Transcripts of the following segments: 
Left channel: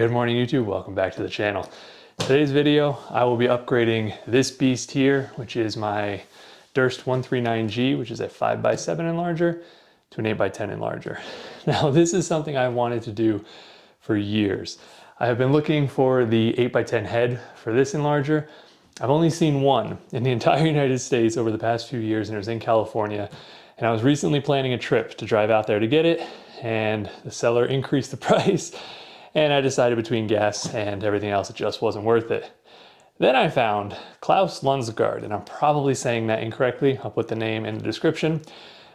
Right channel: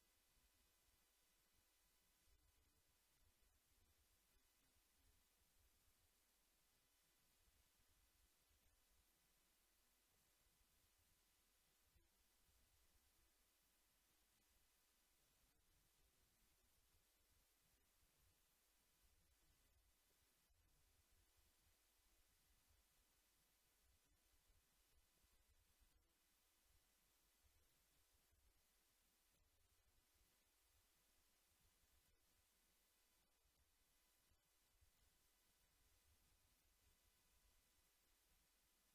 Good morning YouTube, welcome back to the channel. Today's video, I will be upgrading this beast here, which is my Durst 139G, which is a 5x7 enlarger, to an 8x10 enlarger. Now this is something I wanted to do for years. I have been looking for the 8x10 head for this enlarger. I've only seen one in the entire United States over the past few years, and it was in California. And I was recently planning a trip to drive out there to get it, and the seller increased the price. And I decided between gas and everything else, it just wasn't worth it. Then I found Klaus Lundsgaard, and I'm probably saying that incorrectly. I'll put the name in the description.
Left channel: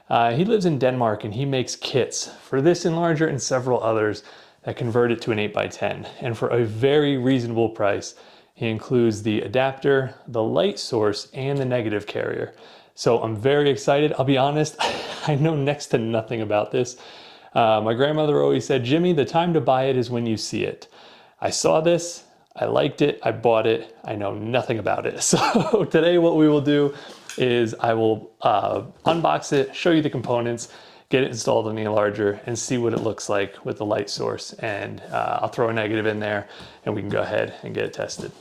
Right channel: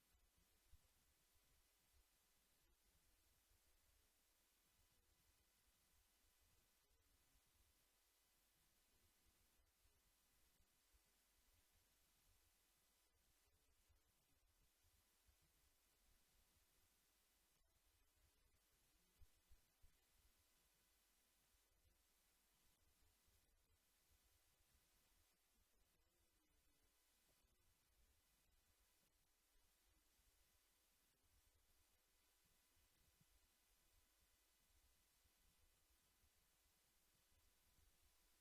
He lives in Denmark and he makes kits for this enlarger and several others that convert it to an 8x10. And for a very reasonable price, he includes the adapter, the light source, and the negative carrier. So I'm very excited. I'll be honest, I know next to nothing about this. My grandmother always said, Jimmy, the time to buy it is when you see it. I saw this, I liked it, I bought it, I know nothing about it. So today what we will do is I will unbox it, show you the components, get it installed on the enlarger, and see what it looks like with the light source. And I'll throw a negative in there and we can go ahead and get it tested.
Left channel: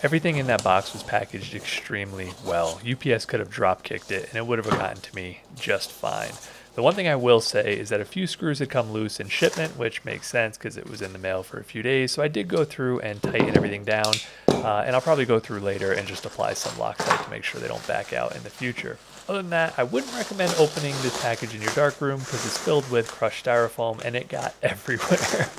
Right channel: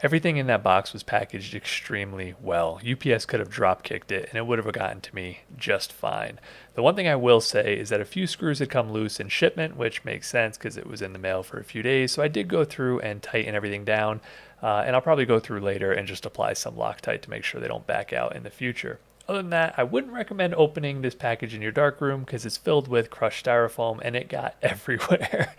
Everything in that box was packaged extremely well. UPS could have drop kicked it and it would have gotten to me just fine. The one thing I will say is that a few screws had come loose in shipment, which makes sense because it was in the mail for a few days. So I did go through and tighten everything down, and I'll probably go through later and just apply some Loctite to make sure they don't back out in the future. Other than that, I wouldn't recommend opening this package in your darkroom because it's filled with crushed styrofoam and it got everywhere.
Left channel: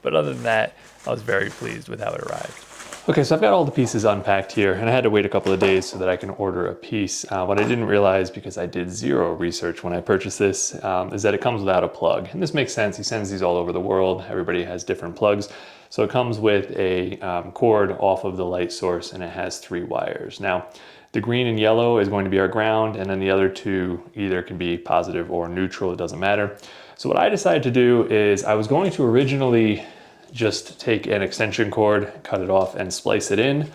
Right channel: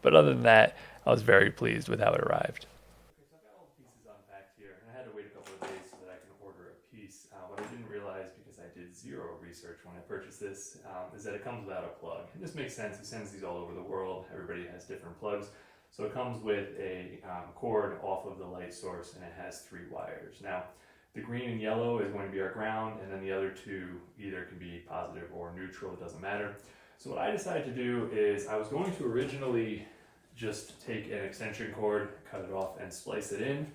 But other than that, I was very pleased with how it arrived. Okay, so I've got all the pieces unpacked here, and I had to wait a couple of days so that I can order a piece. What I didn't realize, because I did zero research when I purchased this, is that it comes without a plug. And this makes sense. He sends these all over the world. Everybody has different plugs. So it comes with a cord off of the light source, and it has 3 wires. Now, the green and yellow is going to be our ground, and then the other 2 either can be positive or neutral. It doesn't matter. So what I decided to do is I was going to originally just take an extension cord, cut it off, and splice it in.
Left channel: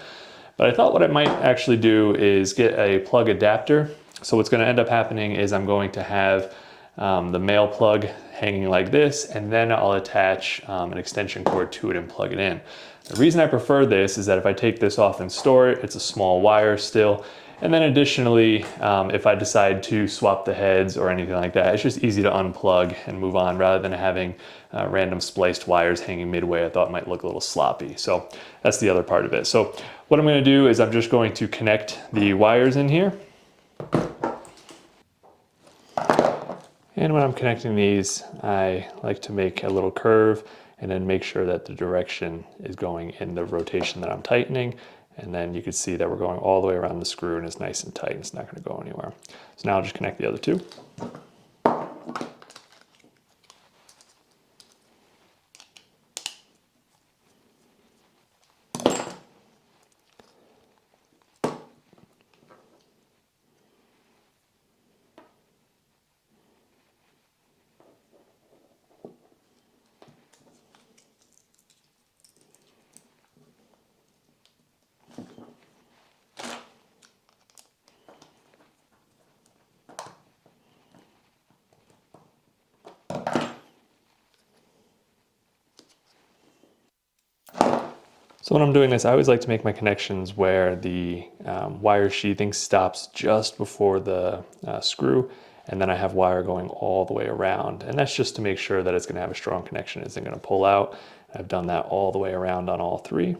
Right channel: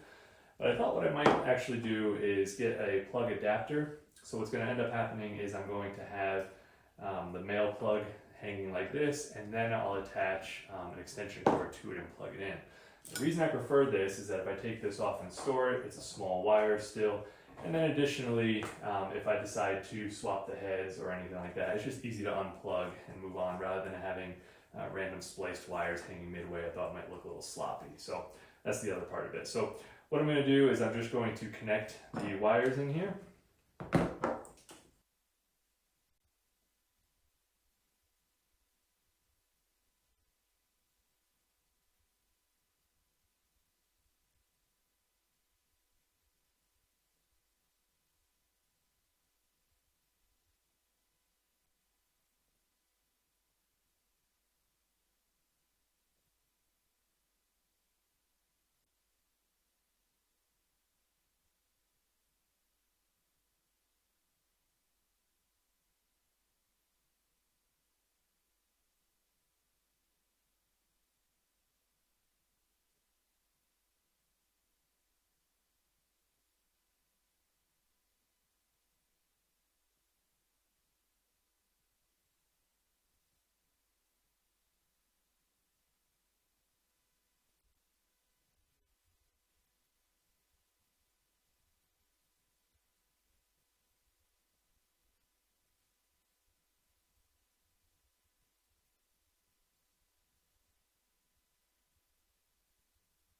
But I thought what I might actually do is get a plug adapter. So what's going to end up happening is I'm going to have the male plug hanging like this, and then I'll attach an extension cord to it and plug it in. The reason I prefer this is that if I take this off and store it, it's a small wire still. And then additionally, if I decide to swap the heads or anything like that, it's just easy to unplug and move on rather than having random spliced wires hanging midway. I thought it might look a little sloppy. So that's the other part of it. So what I'm going to do is I'm just going to connect the wires in here. And when I'm connecting these, I like to make a little curve and then make sure that the direction is going in the rotation that I'm tightening. And then you can see that we're going all the way around the screw and it's nice and tight. It's not going to go anywhere. So now I'll just connect the other 2. So when I'm doing this, I always like to make my connections where the wire sheathing stops just before the screw, and then I have wire going all the way around. And that's just to make sure that it's going to have a strong connection. It isn't going to pull out. I've done that all the way around on all 3.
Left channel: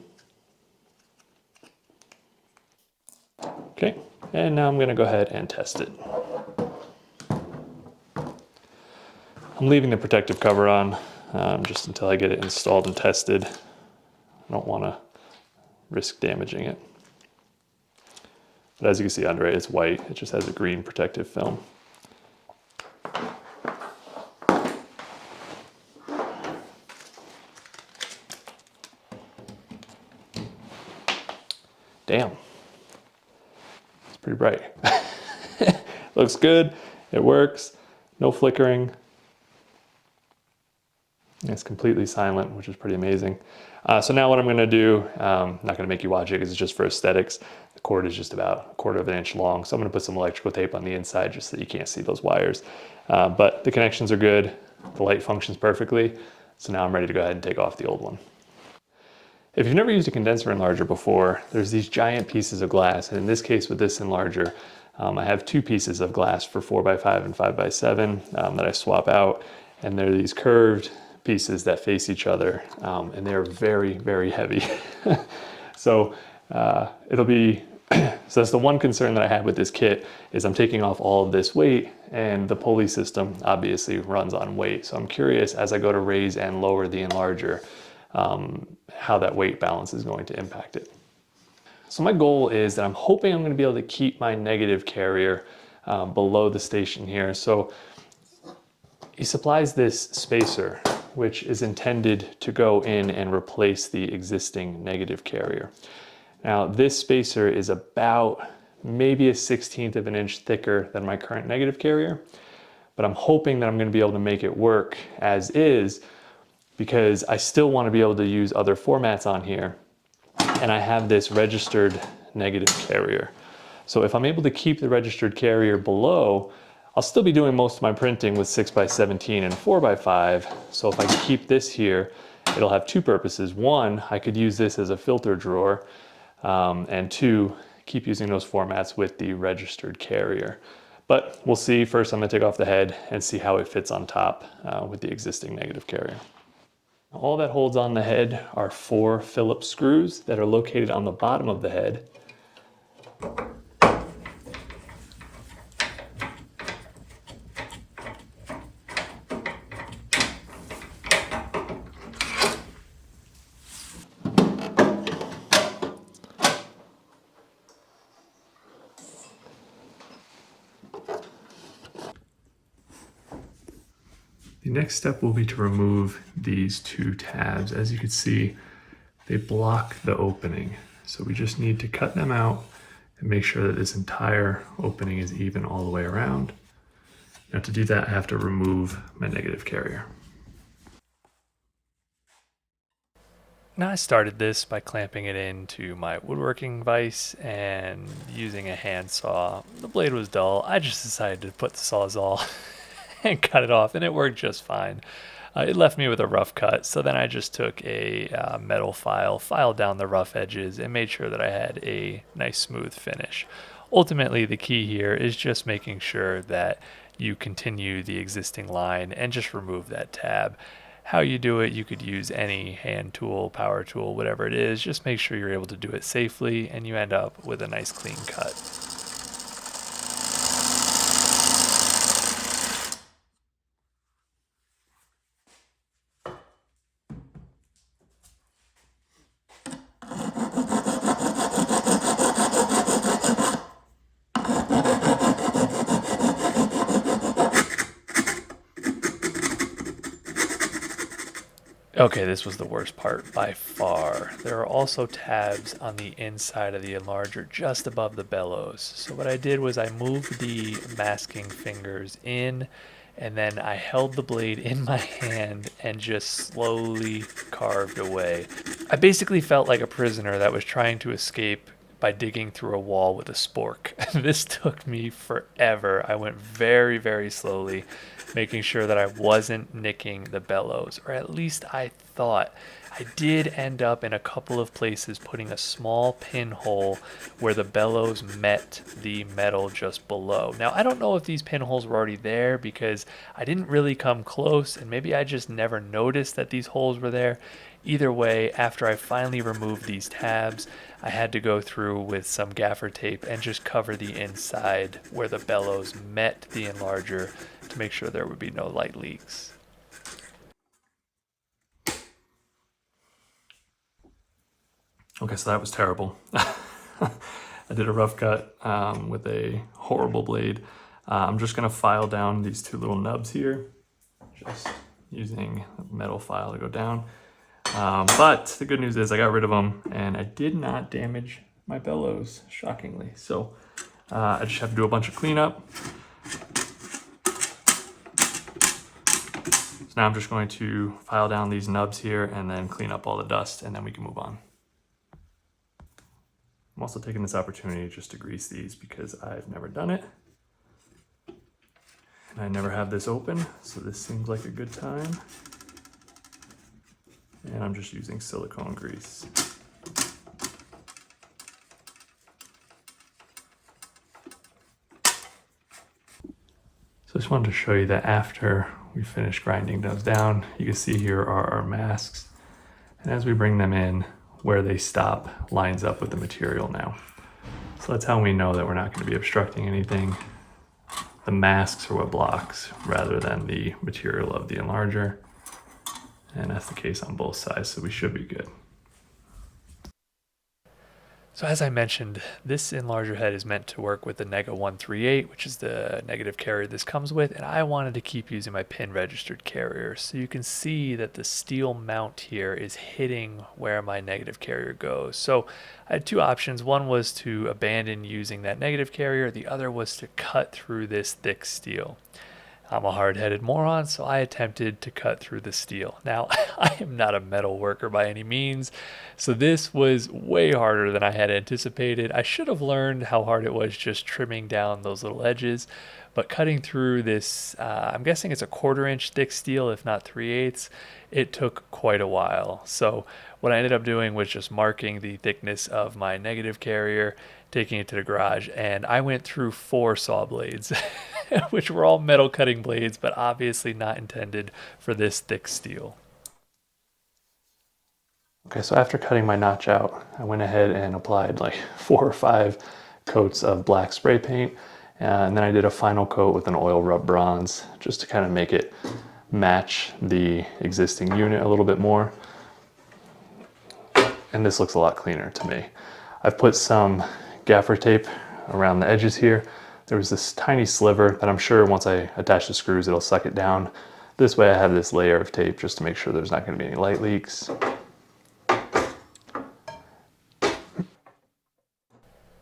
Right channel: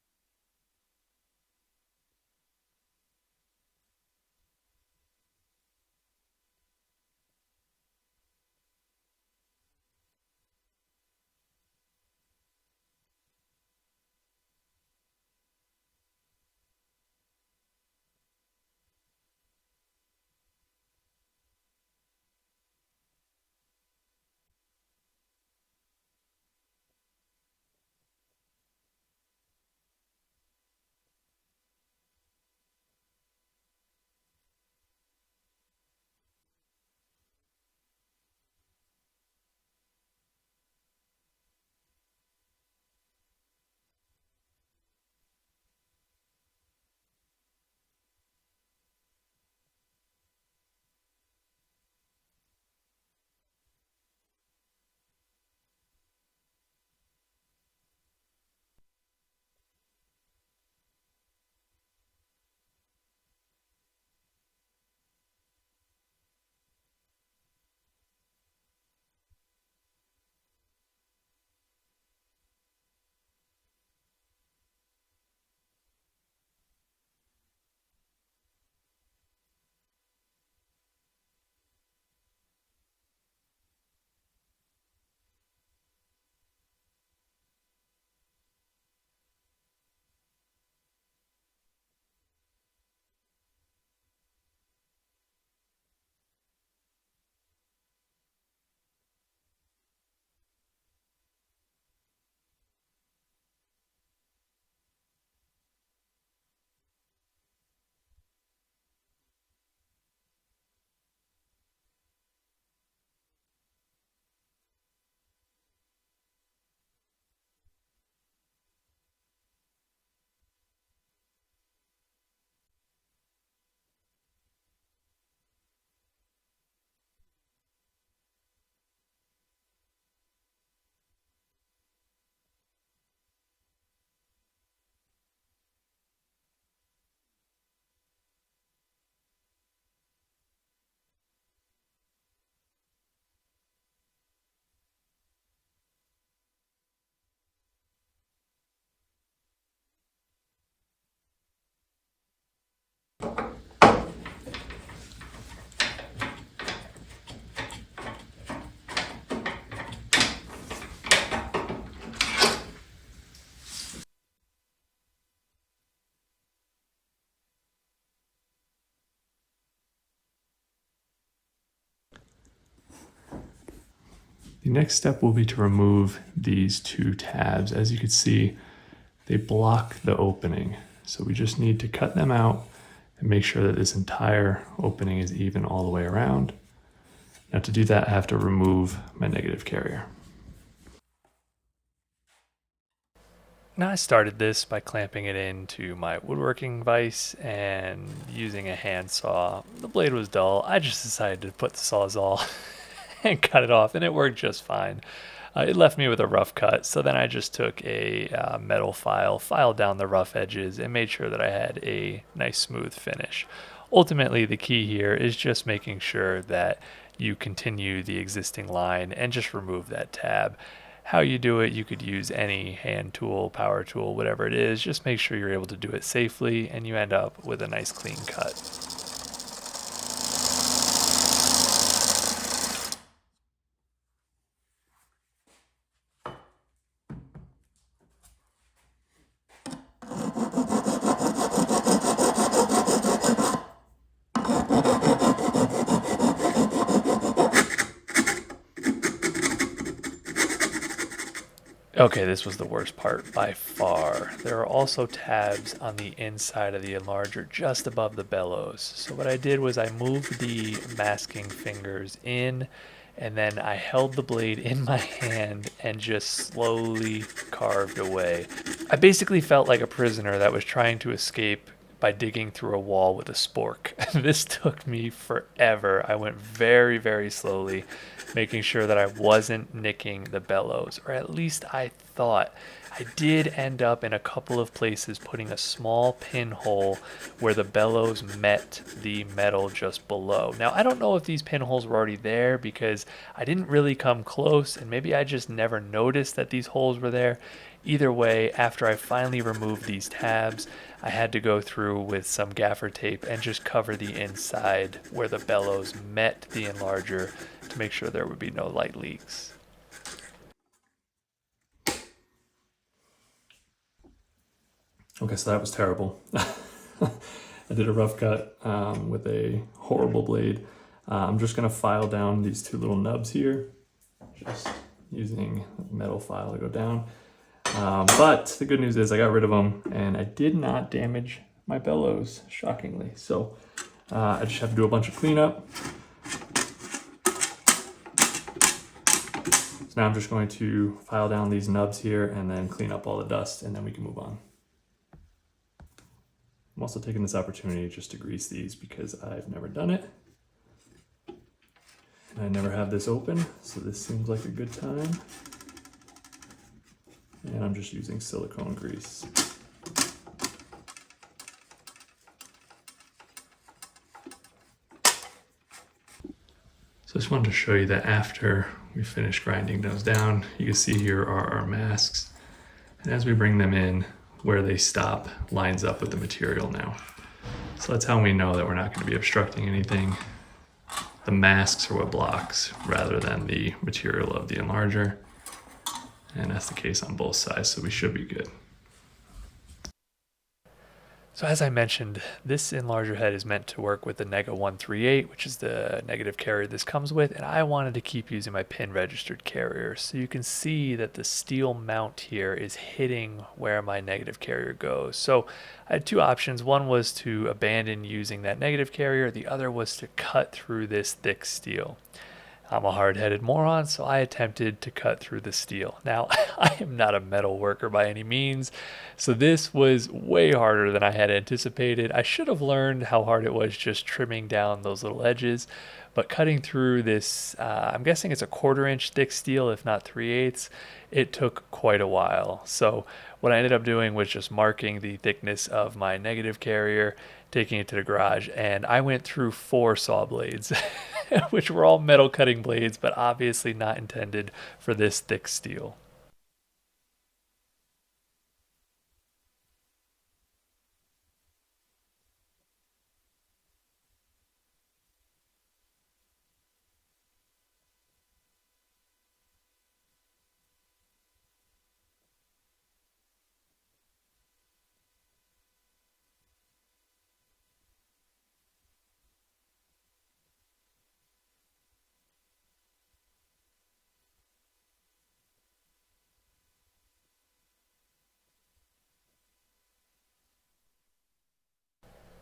Okay, and now I'm going to go ahead and test it. I'm leaving the protective cover on just until I get it installed and tested. I don't want to risk damaging it. But as you can see under it, it's white. It just has a green protective film. Damn. It's pretty bright. Looks good. It works. No flickering. It's completely silent, which is pretty amazing. So now what I'm going to do, I'm not going to make you watch it because it's just for aesthetics. The cord is just about 1/4 of an inch long. So I'm going to put some electrical tape on the inside just so you can't see those wires. But the connections are good. The light functions perfectly. So now I'm ready to go ahead and take off the old one. If you've never used a condenser enlarger before, there's these giant pieces of glass. And in this case with this enlarger, I have two pieces of glass for 4x5 and 5x7 that I swap out. And they're these curved pieces that face each other. And they're very, very heavy. So it'll be, so that's the one concern that I have with this kit is I'm taking off all of this weight, and the pulley system obviously runs on weight. So I'm curious as I go to raise and lower the enlarger, how that weight balance is going to impact it. So my goal is that I'm hoping I'm going to be able to keep my negative carrier below the station here. So he supplies this spacer, which is intended to go in and replace the existing negative carrier. Now this spacer is about maybe a 1/16 of an inch thicker than my current negative carrier, but I'm hoping that I'm going to be able to make it work as is, because I still want to be able to use other formats on here, and I have this registered negative carrier. So if I'm able to keep the registered carrier below, I'll still be doing most of my printing with 6x17 and 4x5. So if I keep this here, it'll have two purposes. One, I could use this as a filter drawer, and two, keep using those formats with the registered carrier. But we'll see. First, I'm going to take off the head and see how it fits on top with the existing negative carrier. All that holds on the head are 4 Phillips screws that are located on the bottom of the head. The next step will be to remove these two tabs. As you can see, they block the opening. So we just need to cut them out and make sure that this entire opening is even all the way around. Now to do that, I have to remove my negative carrier. Now I started this by clamping it into my woodworking vise and using a handsaw. The blade was dull. I just decided to put the Sawzall and cut it off, and it worked just fine. It left me with a rough cut, so then I just took a metal file, filed down the rough edges, and made sure that I had a nice smooth finish. Ultimately, the key here is just making sure that you continue the existing line and just remove that tab. How you do it, you could use any hand tool, power tool, whatever it is. Just make sure you're able to do it safely, and you end up with a nice clean cut. Okay, this was the worst part by far. There are also tabs on the inside of the enlarger just above the bellows. So what I did was I moved the masking fingers in, and then I held the blade in my hand and just slowly carved away. I basically felt like a prisoner that was trying to escape by digging through a wall with a spork. This took me forever. I went very, very slowly, making sure that I wasn't nicking the bellows, or at least I thought. I did end up in a couple of places putting a small pinhole where the bellows met the metal just below. Now, I don't know if these pinholes were already there because I didn't really come close, and maybe I just never noticed that these holes were there. Either way, after I finally removed these tabs, I had to go through with some gaffer tape and just cover the inside where the bellows met the enlarger to make sure there would be no light leaks. Okay, so that was terrible. I did a rough cut with a horrible blade. I'm just gonna file down these two little nubs here, just using a metal file to go down. But the good news is I got rid of them and I did not damage my bellows, shockingly. So I just have to do a bunch of cleanup. So now I'm just going to file down these nubs here and then clean up all the dust, and then we can move on. I'm also taking this opportunity just to grease these because I've never done it. And I never have this open, so this seems like a good time. And I'm just using silicone grease. So I just wanted to show you that after we finish grinding those down, you can see here are our masks. And as we bring them in, where they stop lines up with the material now. So that's how we know that we're not going to be obstructing anything. The masks are what blocks rather than the material of the enlarger. And that's the case on both sides, so we should be good. So as I mentioned, this enlarger head is meant to work with the Nega 138, which is the negative carrier this comes with, and I wanted to keep using my pin registered carrier. So you can see that the steel mount here is hitting where my negative carrier goes. So I had two options. One was to abandon using that negative carrier. The other was to cut through this thick steel. I'm a hard-headed moron, so I attempted to cut through the steel. Now, I am not a metal worker by any means, so this was way harder than I had anticipated. I should have learned how hard it was just trimming down those little edges, but cutting through this, I'm guessing it's a 1/4 inch thick steel, if not 3/8, it took quite a while. So what I ended up doing was just marking the thickness of my negative carrier, taking it to the garage, and I went through 4 saw blades, which were all metal cutting blades, but obviously not intended for this thick steel. Okay, so after cutting my notch out, I went ahead and applied like 4 or 5 coats of black spray paint, and then I did a final coat with an oil rub bronze just to kind of make it match the existing unit a little bit more. And this looks a lot cleaner to me. I've put some gaffer tape around the edges here. There was this tiny sliver that I'm sure once I attach the screws it'll suck it down. This way I have this layer of tape just to make sure there's not going to be any light leaks.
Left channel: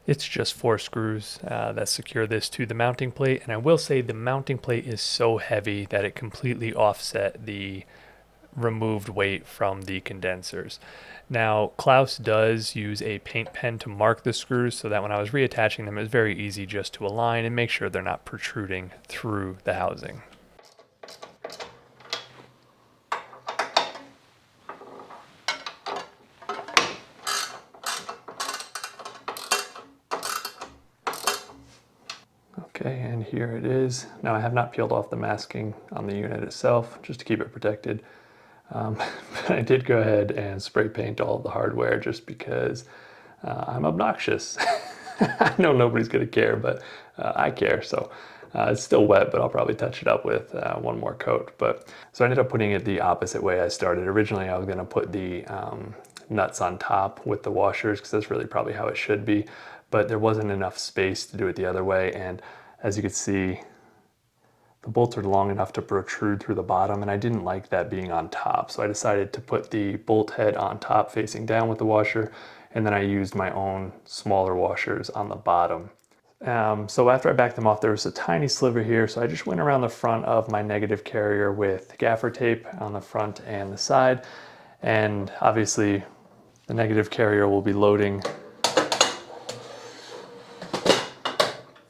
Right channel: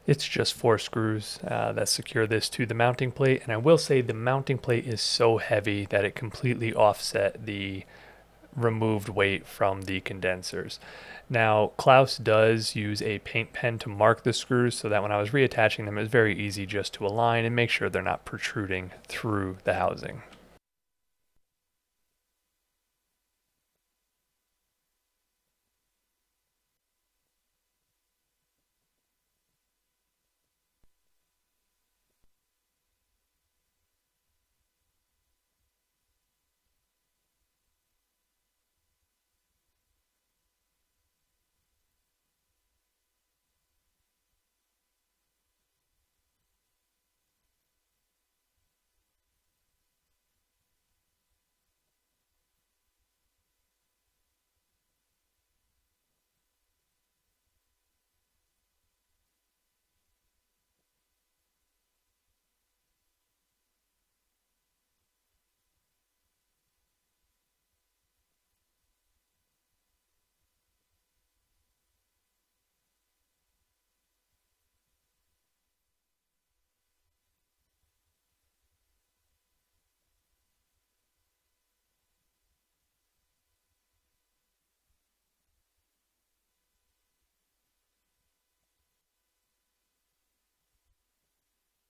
It's just 4 screws that secure this to the mounting plate, and I will say the mounting plate is so heavy that it completely offset the removed weight from the condensers. Now, Klaus does use a paint pen to mark the screws so that when I was reattaching them, it was very easy just to align and make sure they're not protruding through the housing. Okay, and here it is. Now I have not peeled off the masking on the unit itself just to keep it protected. But I did go ahead and spray paint all of the hardware just because I'm obnoxious. I know nobody's gonna care, but I care. So it's still wet, but I'll probably touch it up with 1 more coat. But so I ended up putting it the opposite way I started. Originally, I was gonna put the nuts on top with the washers because that's really probably how it should be. But there wasn't enough space to do it the other way. And as you can see, the bolts are long enough to protrude through the bottom, and I didn't like that being on top. So I decided to put the bolt head on top facing down with the washer, and then I used my own smaller washers on the bottom. So after I backed them off, there was a tiny sliver here, so I just went around the front of my negative carrier with gaffer tape on the front and the side, and obviously the negative carrier will be loading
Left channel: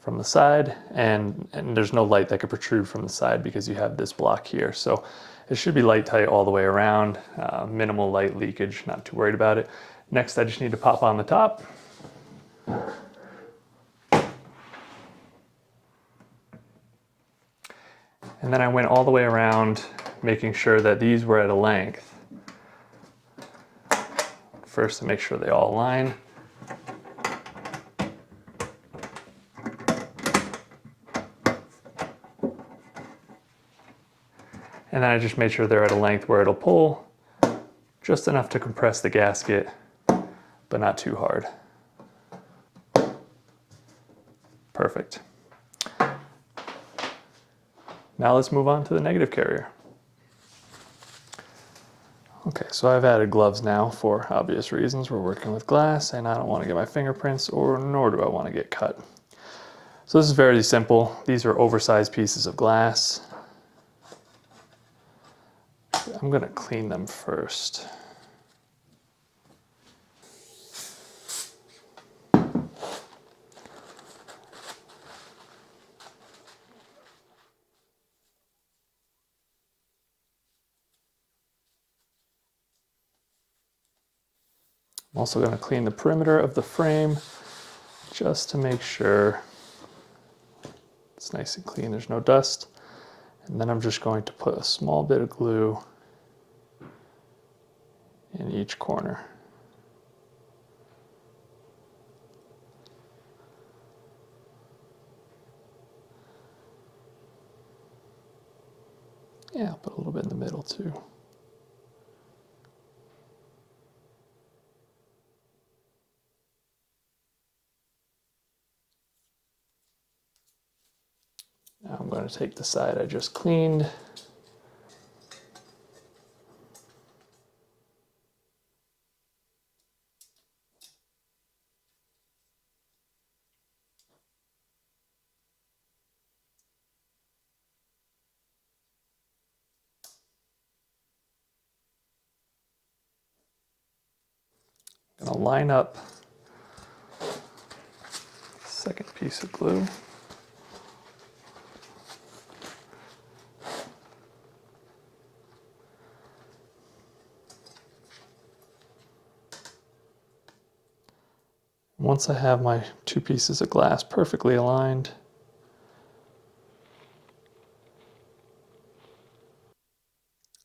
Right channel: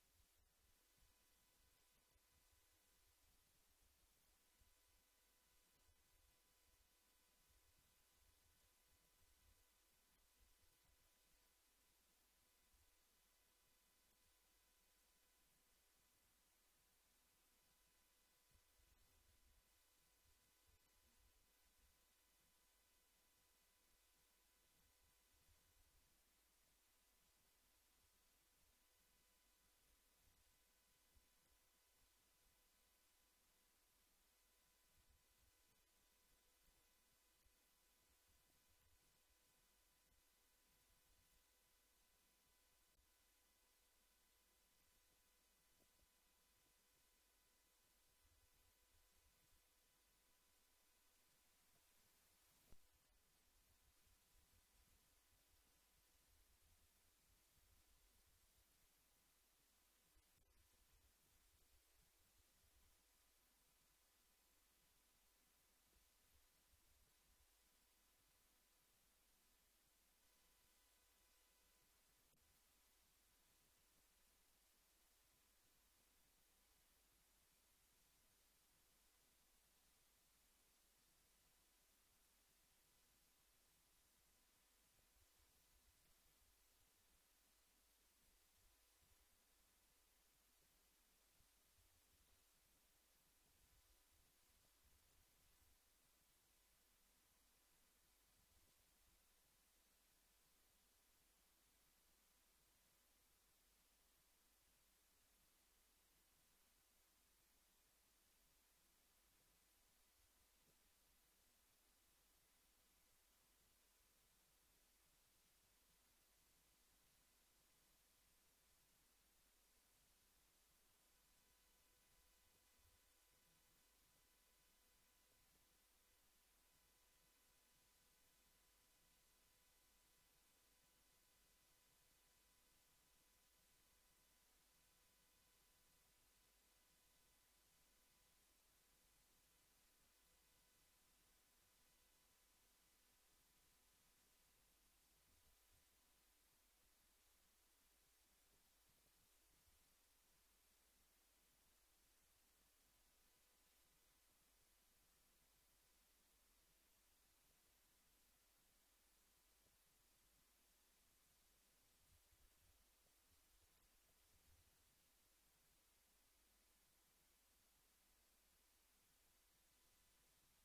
from the side, and there's no light that could protrude from the side because you have this block here. So it should be light tight all the way around, minimal light leakage, not too worried about it. Next, I just need to pop on the top. And then I went all the way around, making sure that these were at a length. First, to make sure they all align. And then I just made sure they're at a length where it'll pull just enough to compress the gasket, but not too hard. Perfect. Now let's move on to the negative carrier. Okay, so I've added gloves now for obvious reasons. We're working with glass and I don't want to get my fingerprints, nor do I want to get cut. So this is very simple. These are oversized pieces of glass. I'm going to clean them first. I'm also going to clean the perimeter of the frame just to make sure it's nice and clean, there's no dust. And then I'm just going to put a small bit of glue in each corner. Yeah, I'll put a little bit in the middle too. Now I'm going to take the side I just cleaned. I'm going to line up the second piece of glue. Once I have my two pieces of glass perfectly aligned,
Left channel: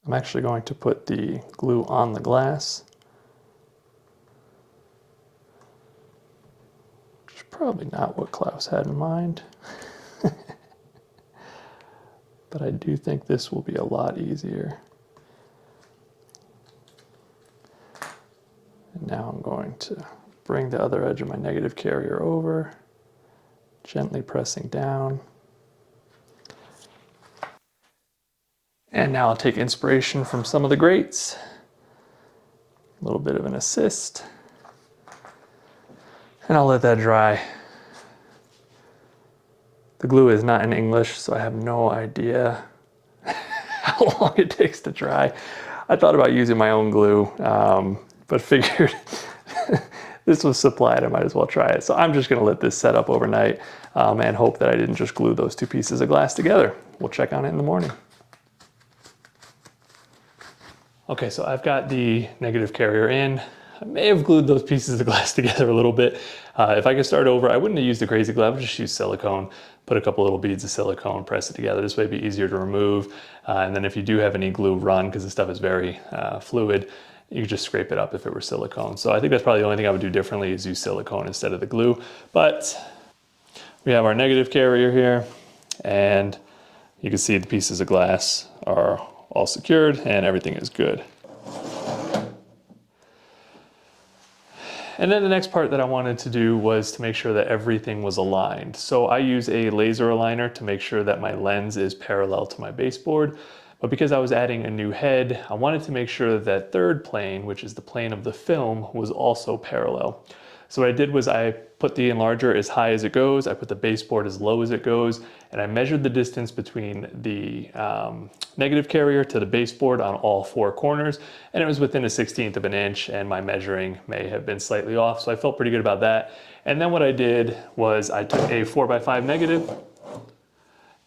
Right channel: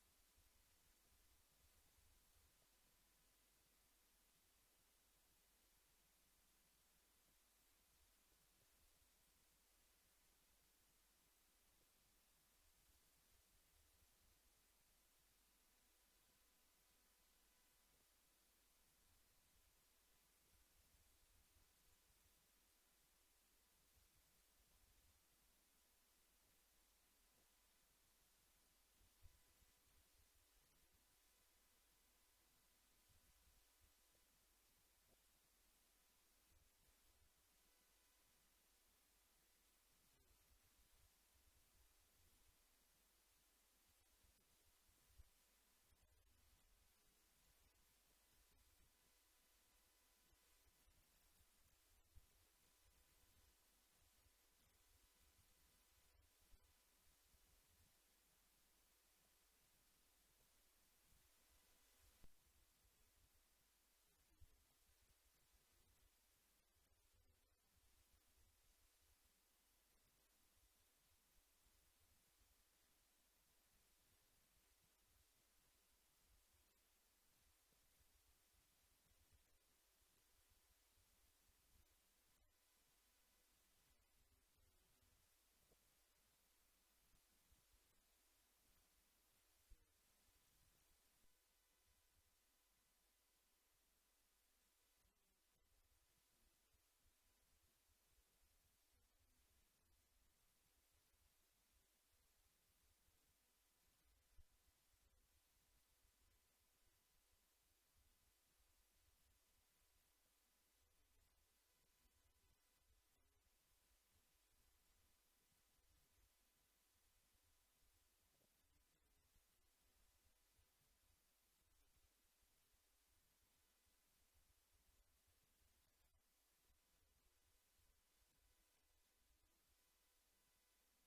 I'm actually going to put the glue on the glass, which is probably not what Klaus had in mind. But I do think this will be a lot easier. And now I'm going to bring the other edge of my negative carrier over, gently pressing down. And now I'll take inspiration from some of the greats, a little bit of an assist, and I'll let that dry. The glue is not in English, so I have no idea how long it takes to dry. I thought about using my own glue, but figured this was supplied, I might as well try it. So I'm just gonna let this set up overnight and hope that I didn't just glue those two pieces of glass together. We'll check on it in the morning. Okay, so I've got the negative carrier in. I may have glued those pieces of glass together a little bit. If I could start over, I wouldn't have used the crazy glue, I would just use silicone, put a couple little beads of silicone, press it together. This way it'd be easier to remove. And then if you do have any glue run, because this stuff is very fluid, you could just scrape it up if it were silicone. So I think that's probably the only thing I would do differently is use silicone instead of the glue. But we have our negative carrier here, and you can see the pieces of glass are all secured and everything is good. And then the next part that I wanted to do was to make sure that everything was aligned. So I use a laser aligner to make sure that my lens is parallel to my baseboard. But because I was adding a new head, I wanted to make sure that that third plane, which is the plane of the film, was also parallel. So what I did was I put the enlarger as high as it goes, I put the baseboard as low as it goes, and I measured the distance between the negative carrier to the baseboard on all four corners, and it was within 1/16 of an inch, and my measuring may have been slightly off, so I felt pretty good about that. And then what I did was I took a 4x5 negative,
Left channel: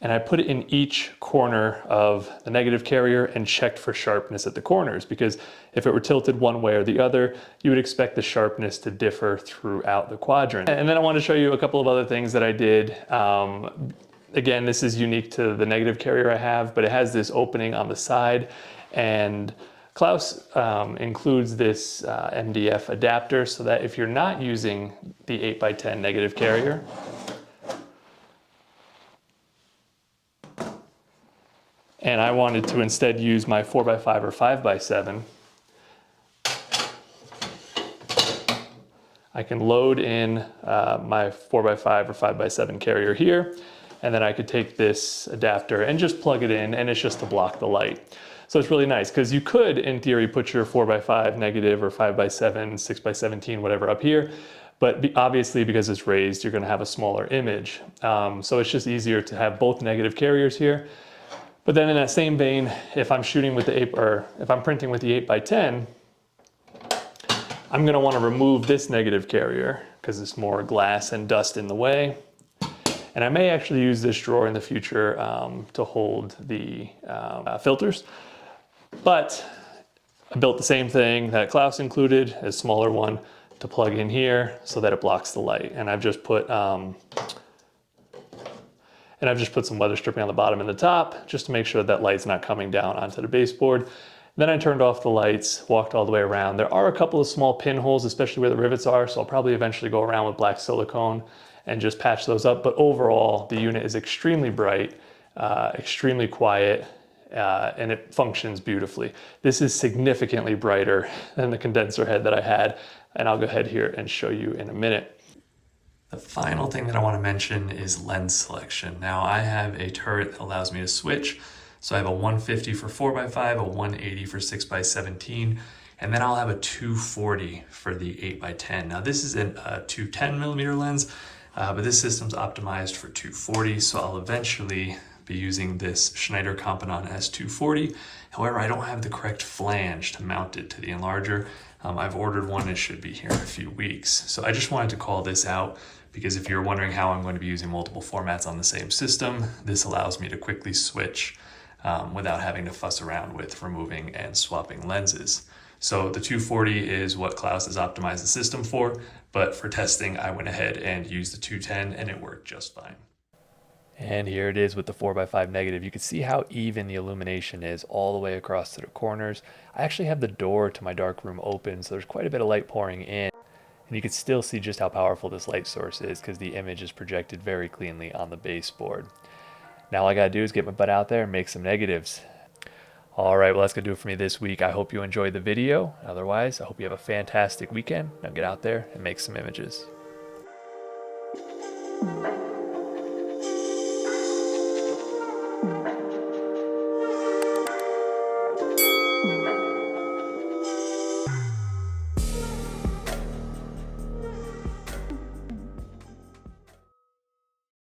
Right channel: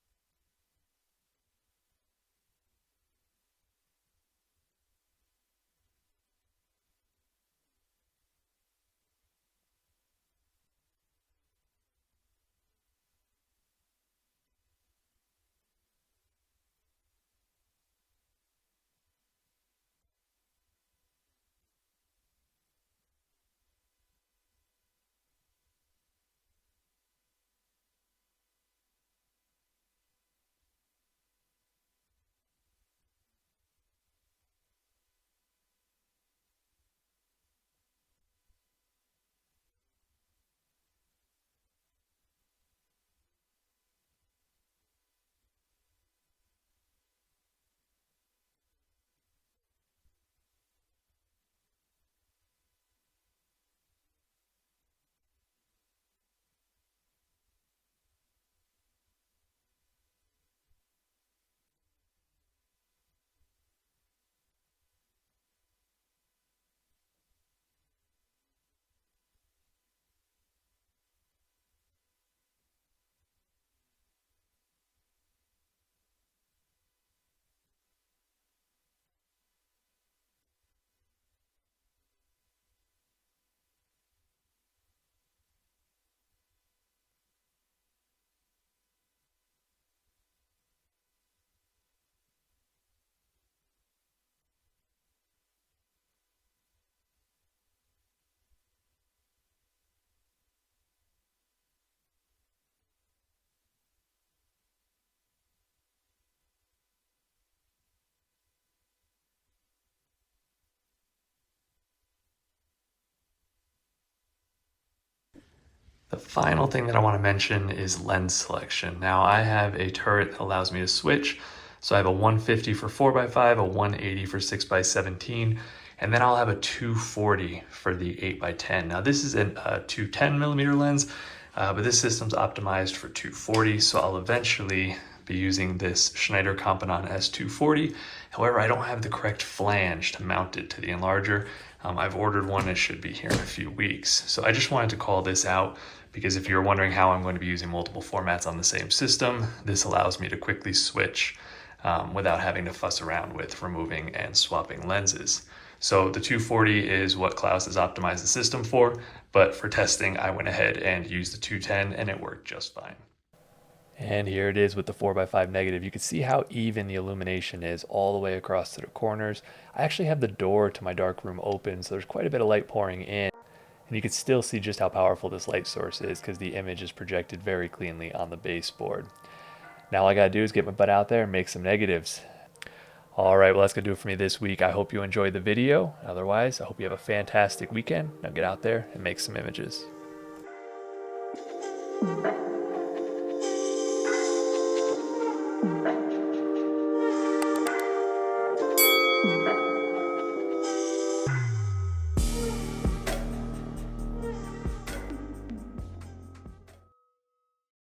and I put it in each corner of the negative carrier and checked for sharpness at the corners, because if it were tilted one way or the other, you would expect the sharpness to differ throughout the quadrant. And then I want to show you a couple of other things that I did. Again, this is unique to the negative carrier I have, but it has this opening on the side, and Klaus includes this MDF adapter so that if you're not using the 8x10 negative carrier, and I wanted to instead use my 4x5 or 5x7, I can load in my 4x5 or 5x7 carrier here, and then I could take this adapter and just plug it in, and it's just to block the light. So it's really nice, because you could, in theory, put your 4x5 negative or 5x7, 6x17, whatever up here, but obviously because it's raised, you're gonna have a smaller image. So it's just easier to have both negative carriers here. But then in that same vein, if I'm shooting with the if I'm printing with the 8x10, I'm gonna wanna remove this negative carrier because it's more glass and dust in the way. And I may actually use this drawer in the future to hold the filters. But I built the same thing that Klaus included, a smaller one. to plug in here so that it blocks the light. And I've just put some weather stripping on the bottom and the top just to make sure that light's not coming down onto the baseboard. Then I turned off the lights, walked all the way around. There are a couple of small pinholes, especially where the rivets are, so I'll probably eventually go around with black silicone and just patch those up. But overall, the unit is extremely bright, extremely quiet, and it functions beautifully. This is significantly brighter than the condenser head that I had, and I'll go ahead here and show you in a minute. The final thing that I want to mention is lens selection. Now I have a turret that allows me to switch. So I have a 150 for 4x5, a 180 for 6x17, and then I'll have a 240 for the 8x10. Now this is a 210 millimeter lens, but this system's optimized for 240, so I'll eventually be using this Schneider Compenon S240. However, I don't have the correct flange to mount it to the Enlarger. I've ordered one, it should be here in a few weeks. So I just wanted to call this out because if you're wondering how I'm going to be using multiple formats on the same system, this allows me to quickly switch without having to fuss around with removing and swapping lenses. So the 240 is what Klaus has optimized the system for, but for testing, I went ahead and used the 210 and it worked just fine. And here it is with the 4x5 negative. You can see how even the illumination is all the way across to the corners. I actually have the door to my dark room open, so there's quite a bit of light pouring in. And you can still see just how powerful this light source is because the image is projected very cleanly on the baseboard. Now all I gotta do is get my butt out there and make some negatives. All right, well that's gonna do it for me this week. I hope you enjoyed the video. Otherwise, I hope you have a fantastic weekend. Now get out there and make some images.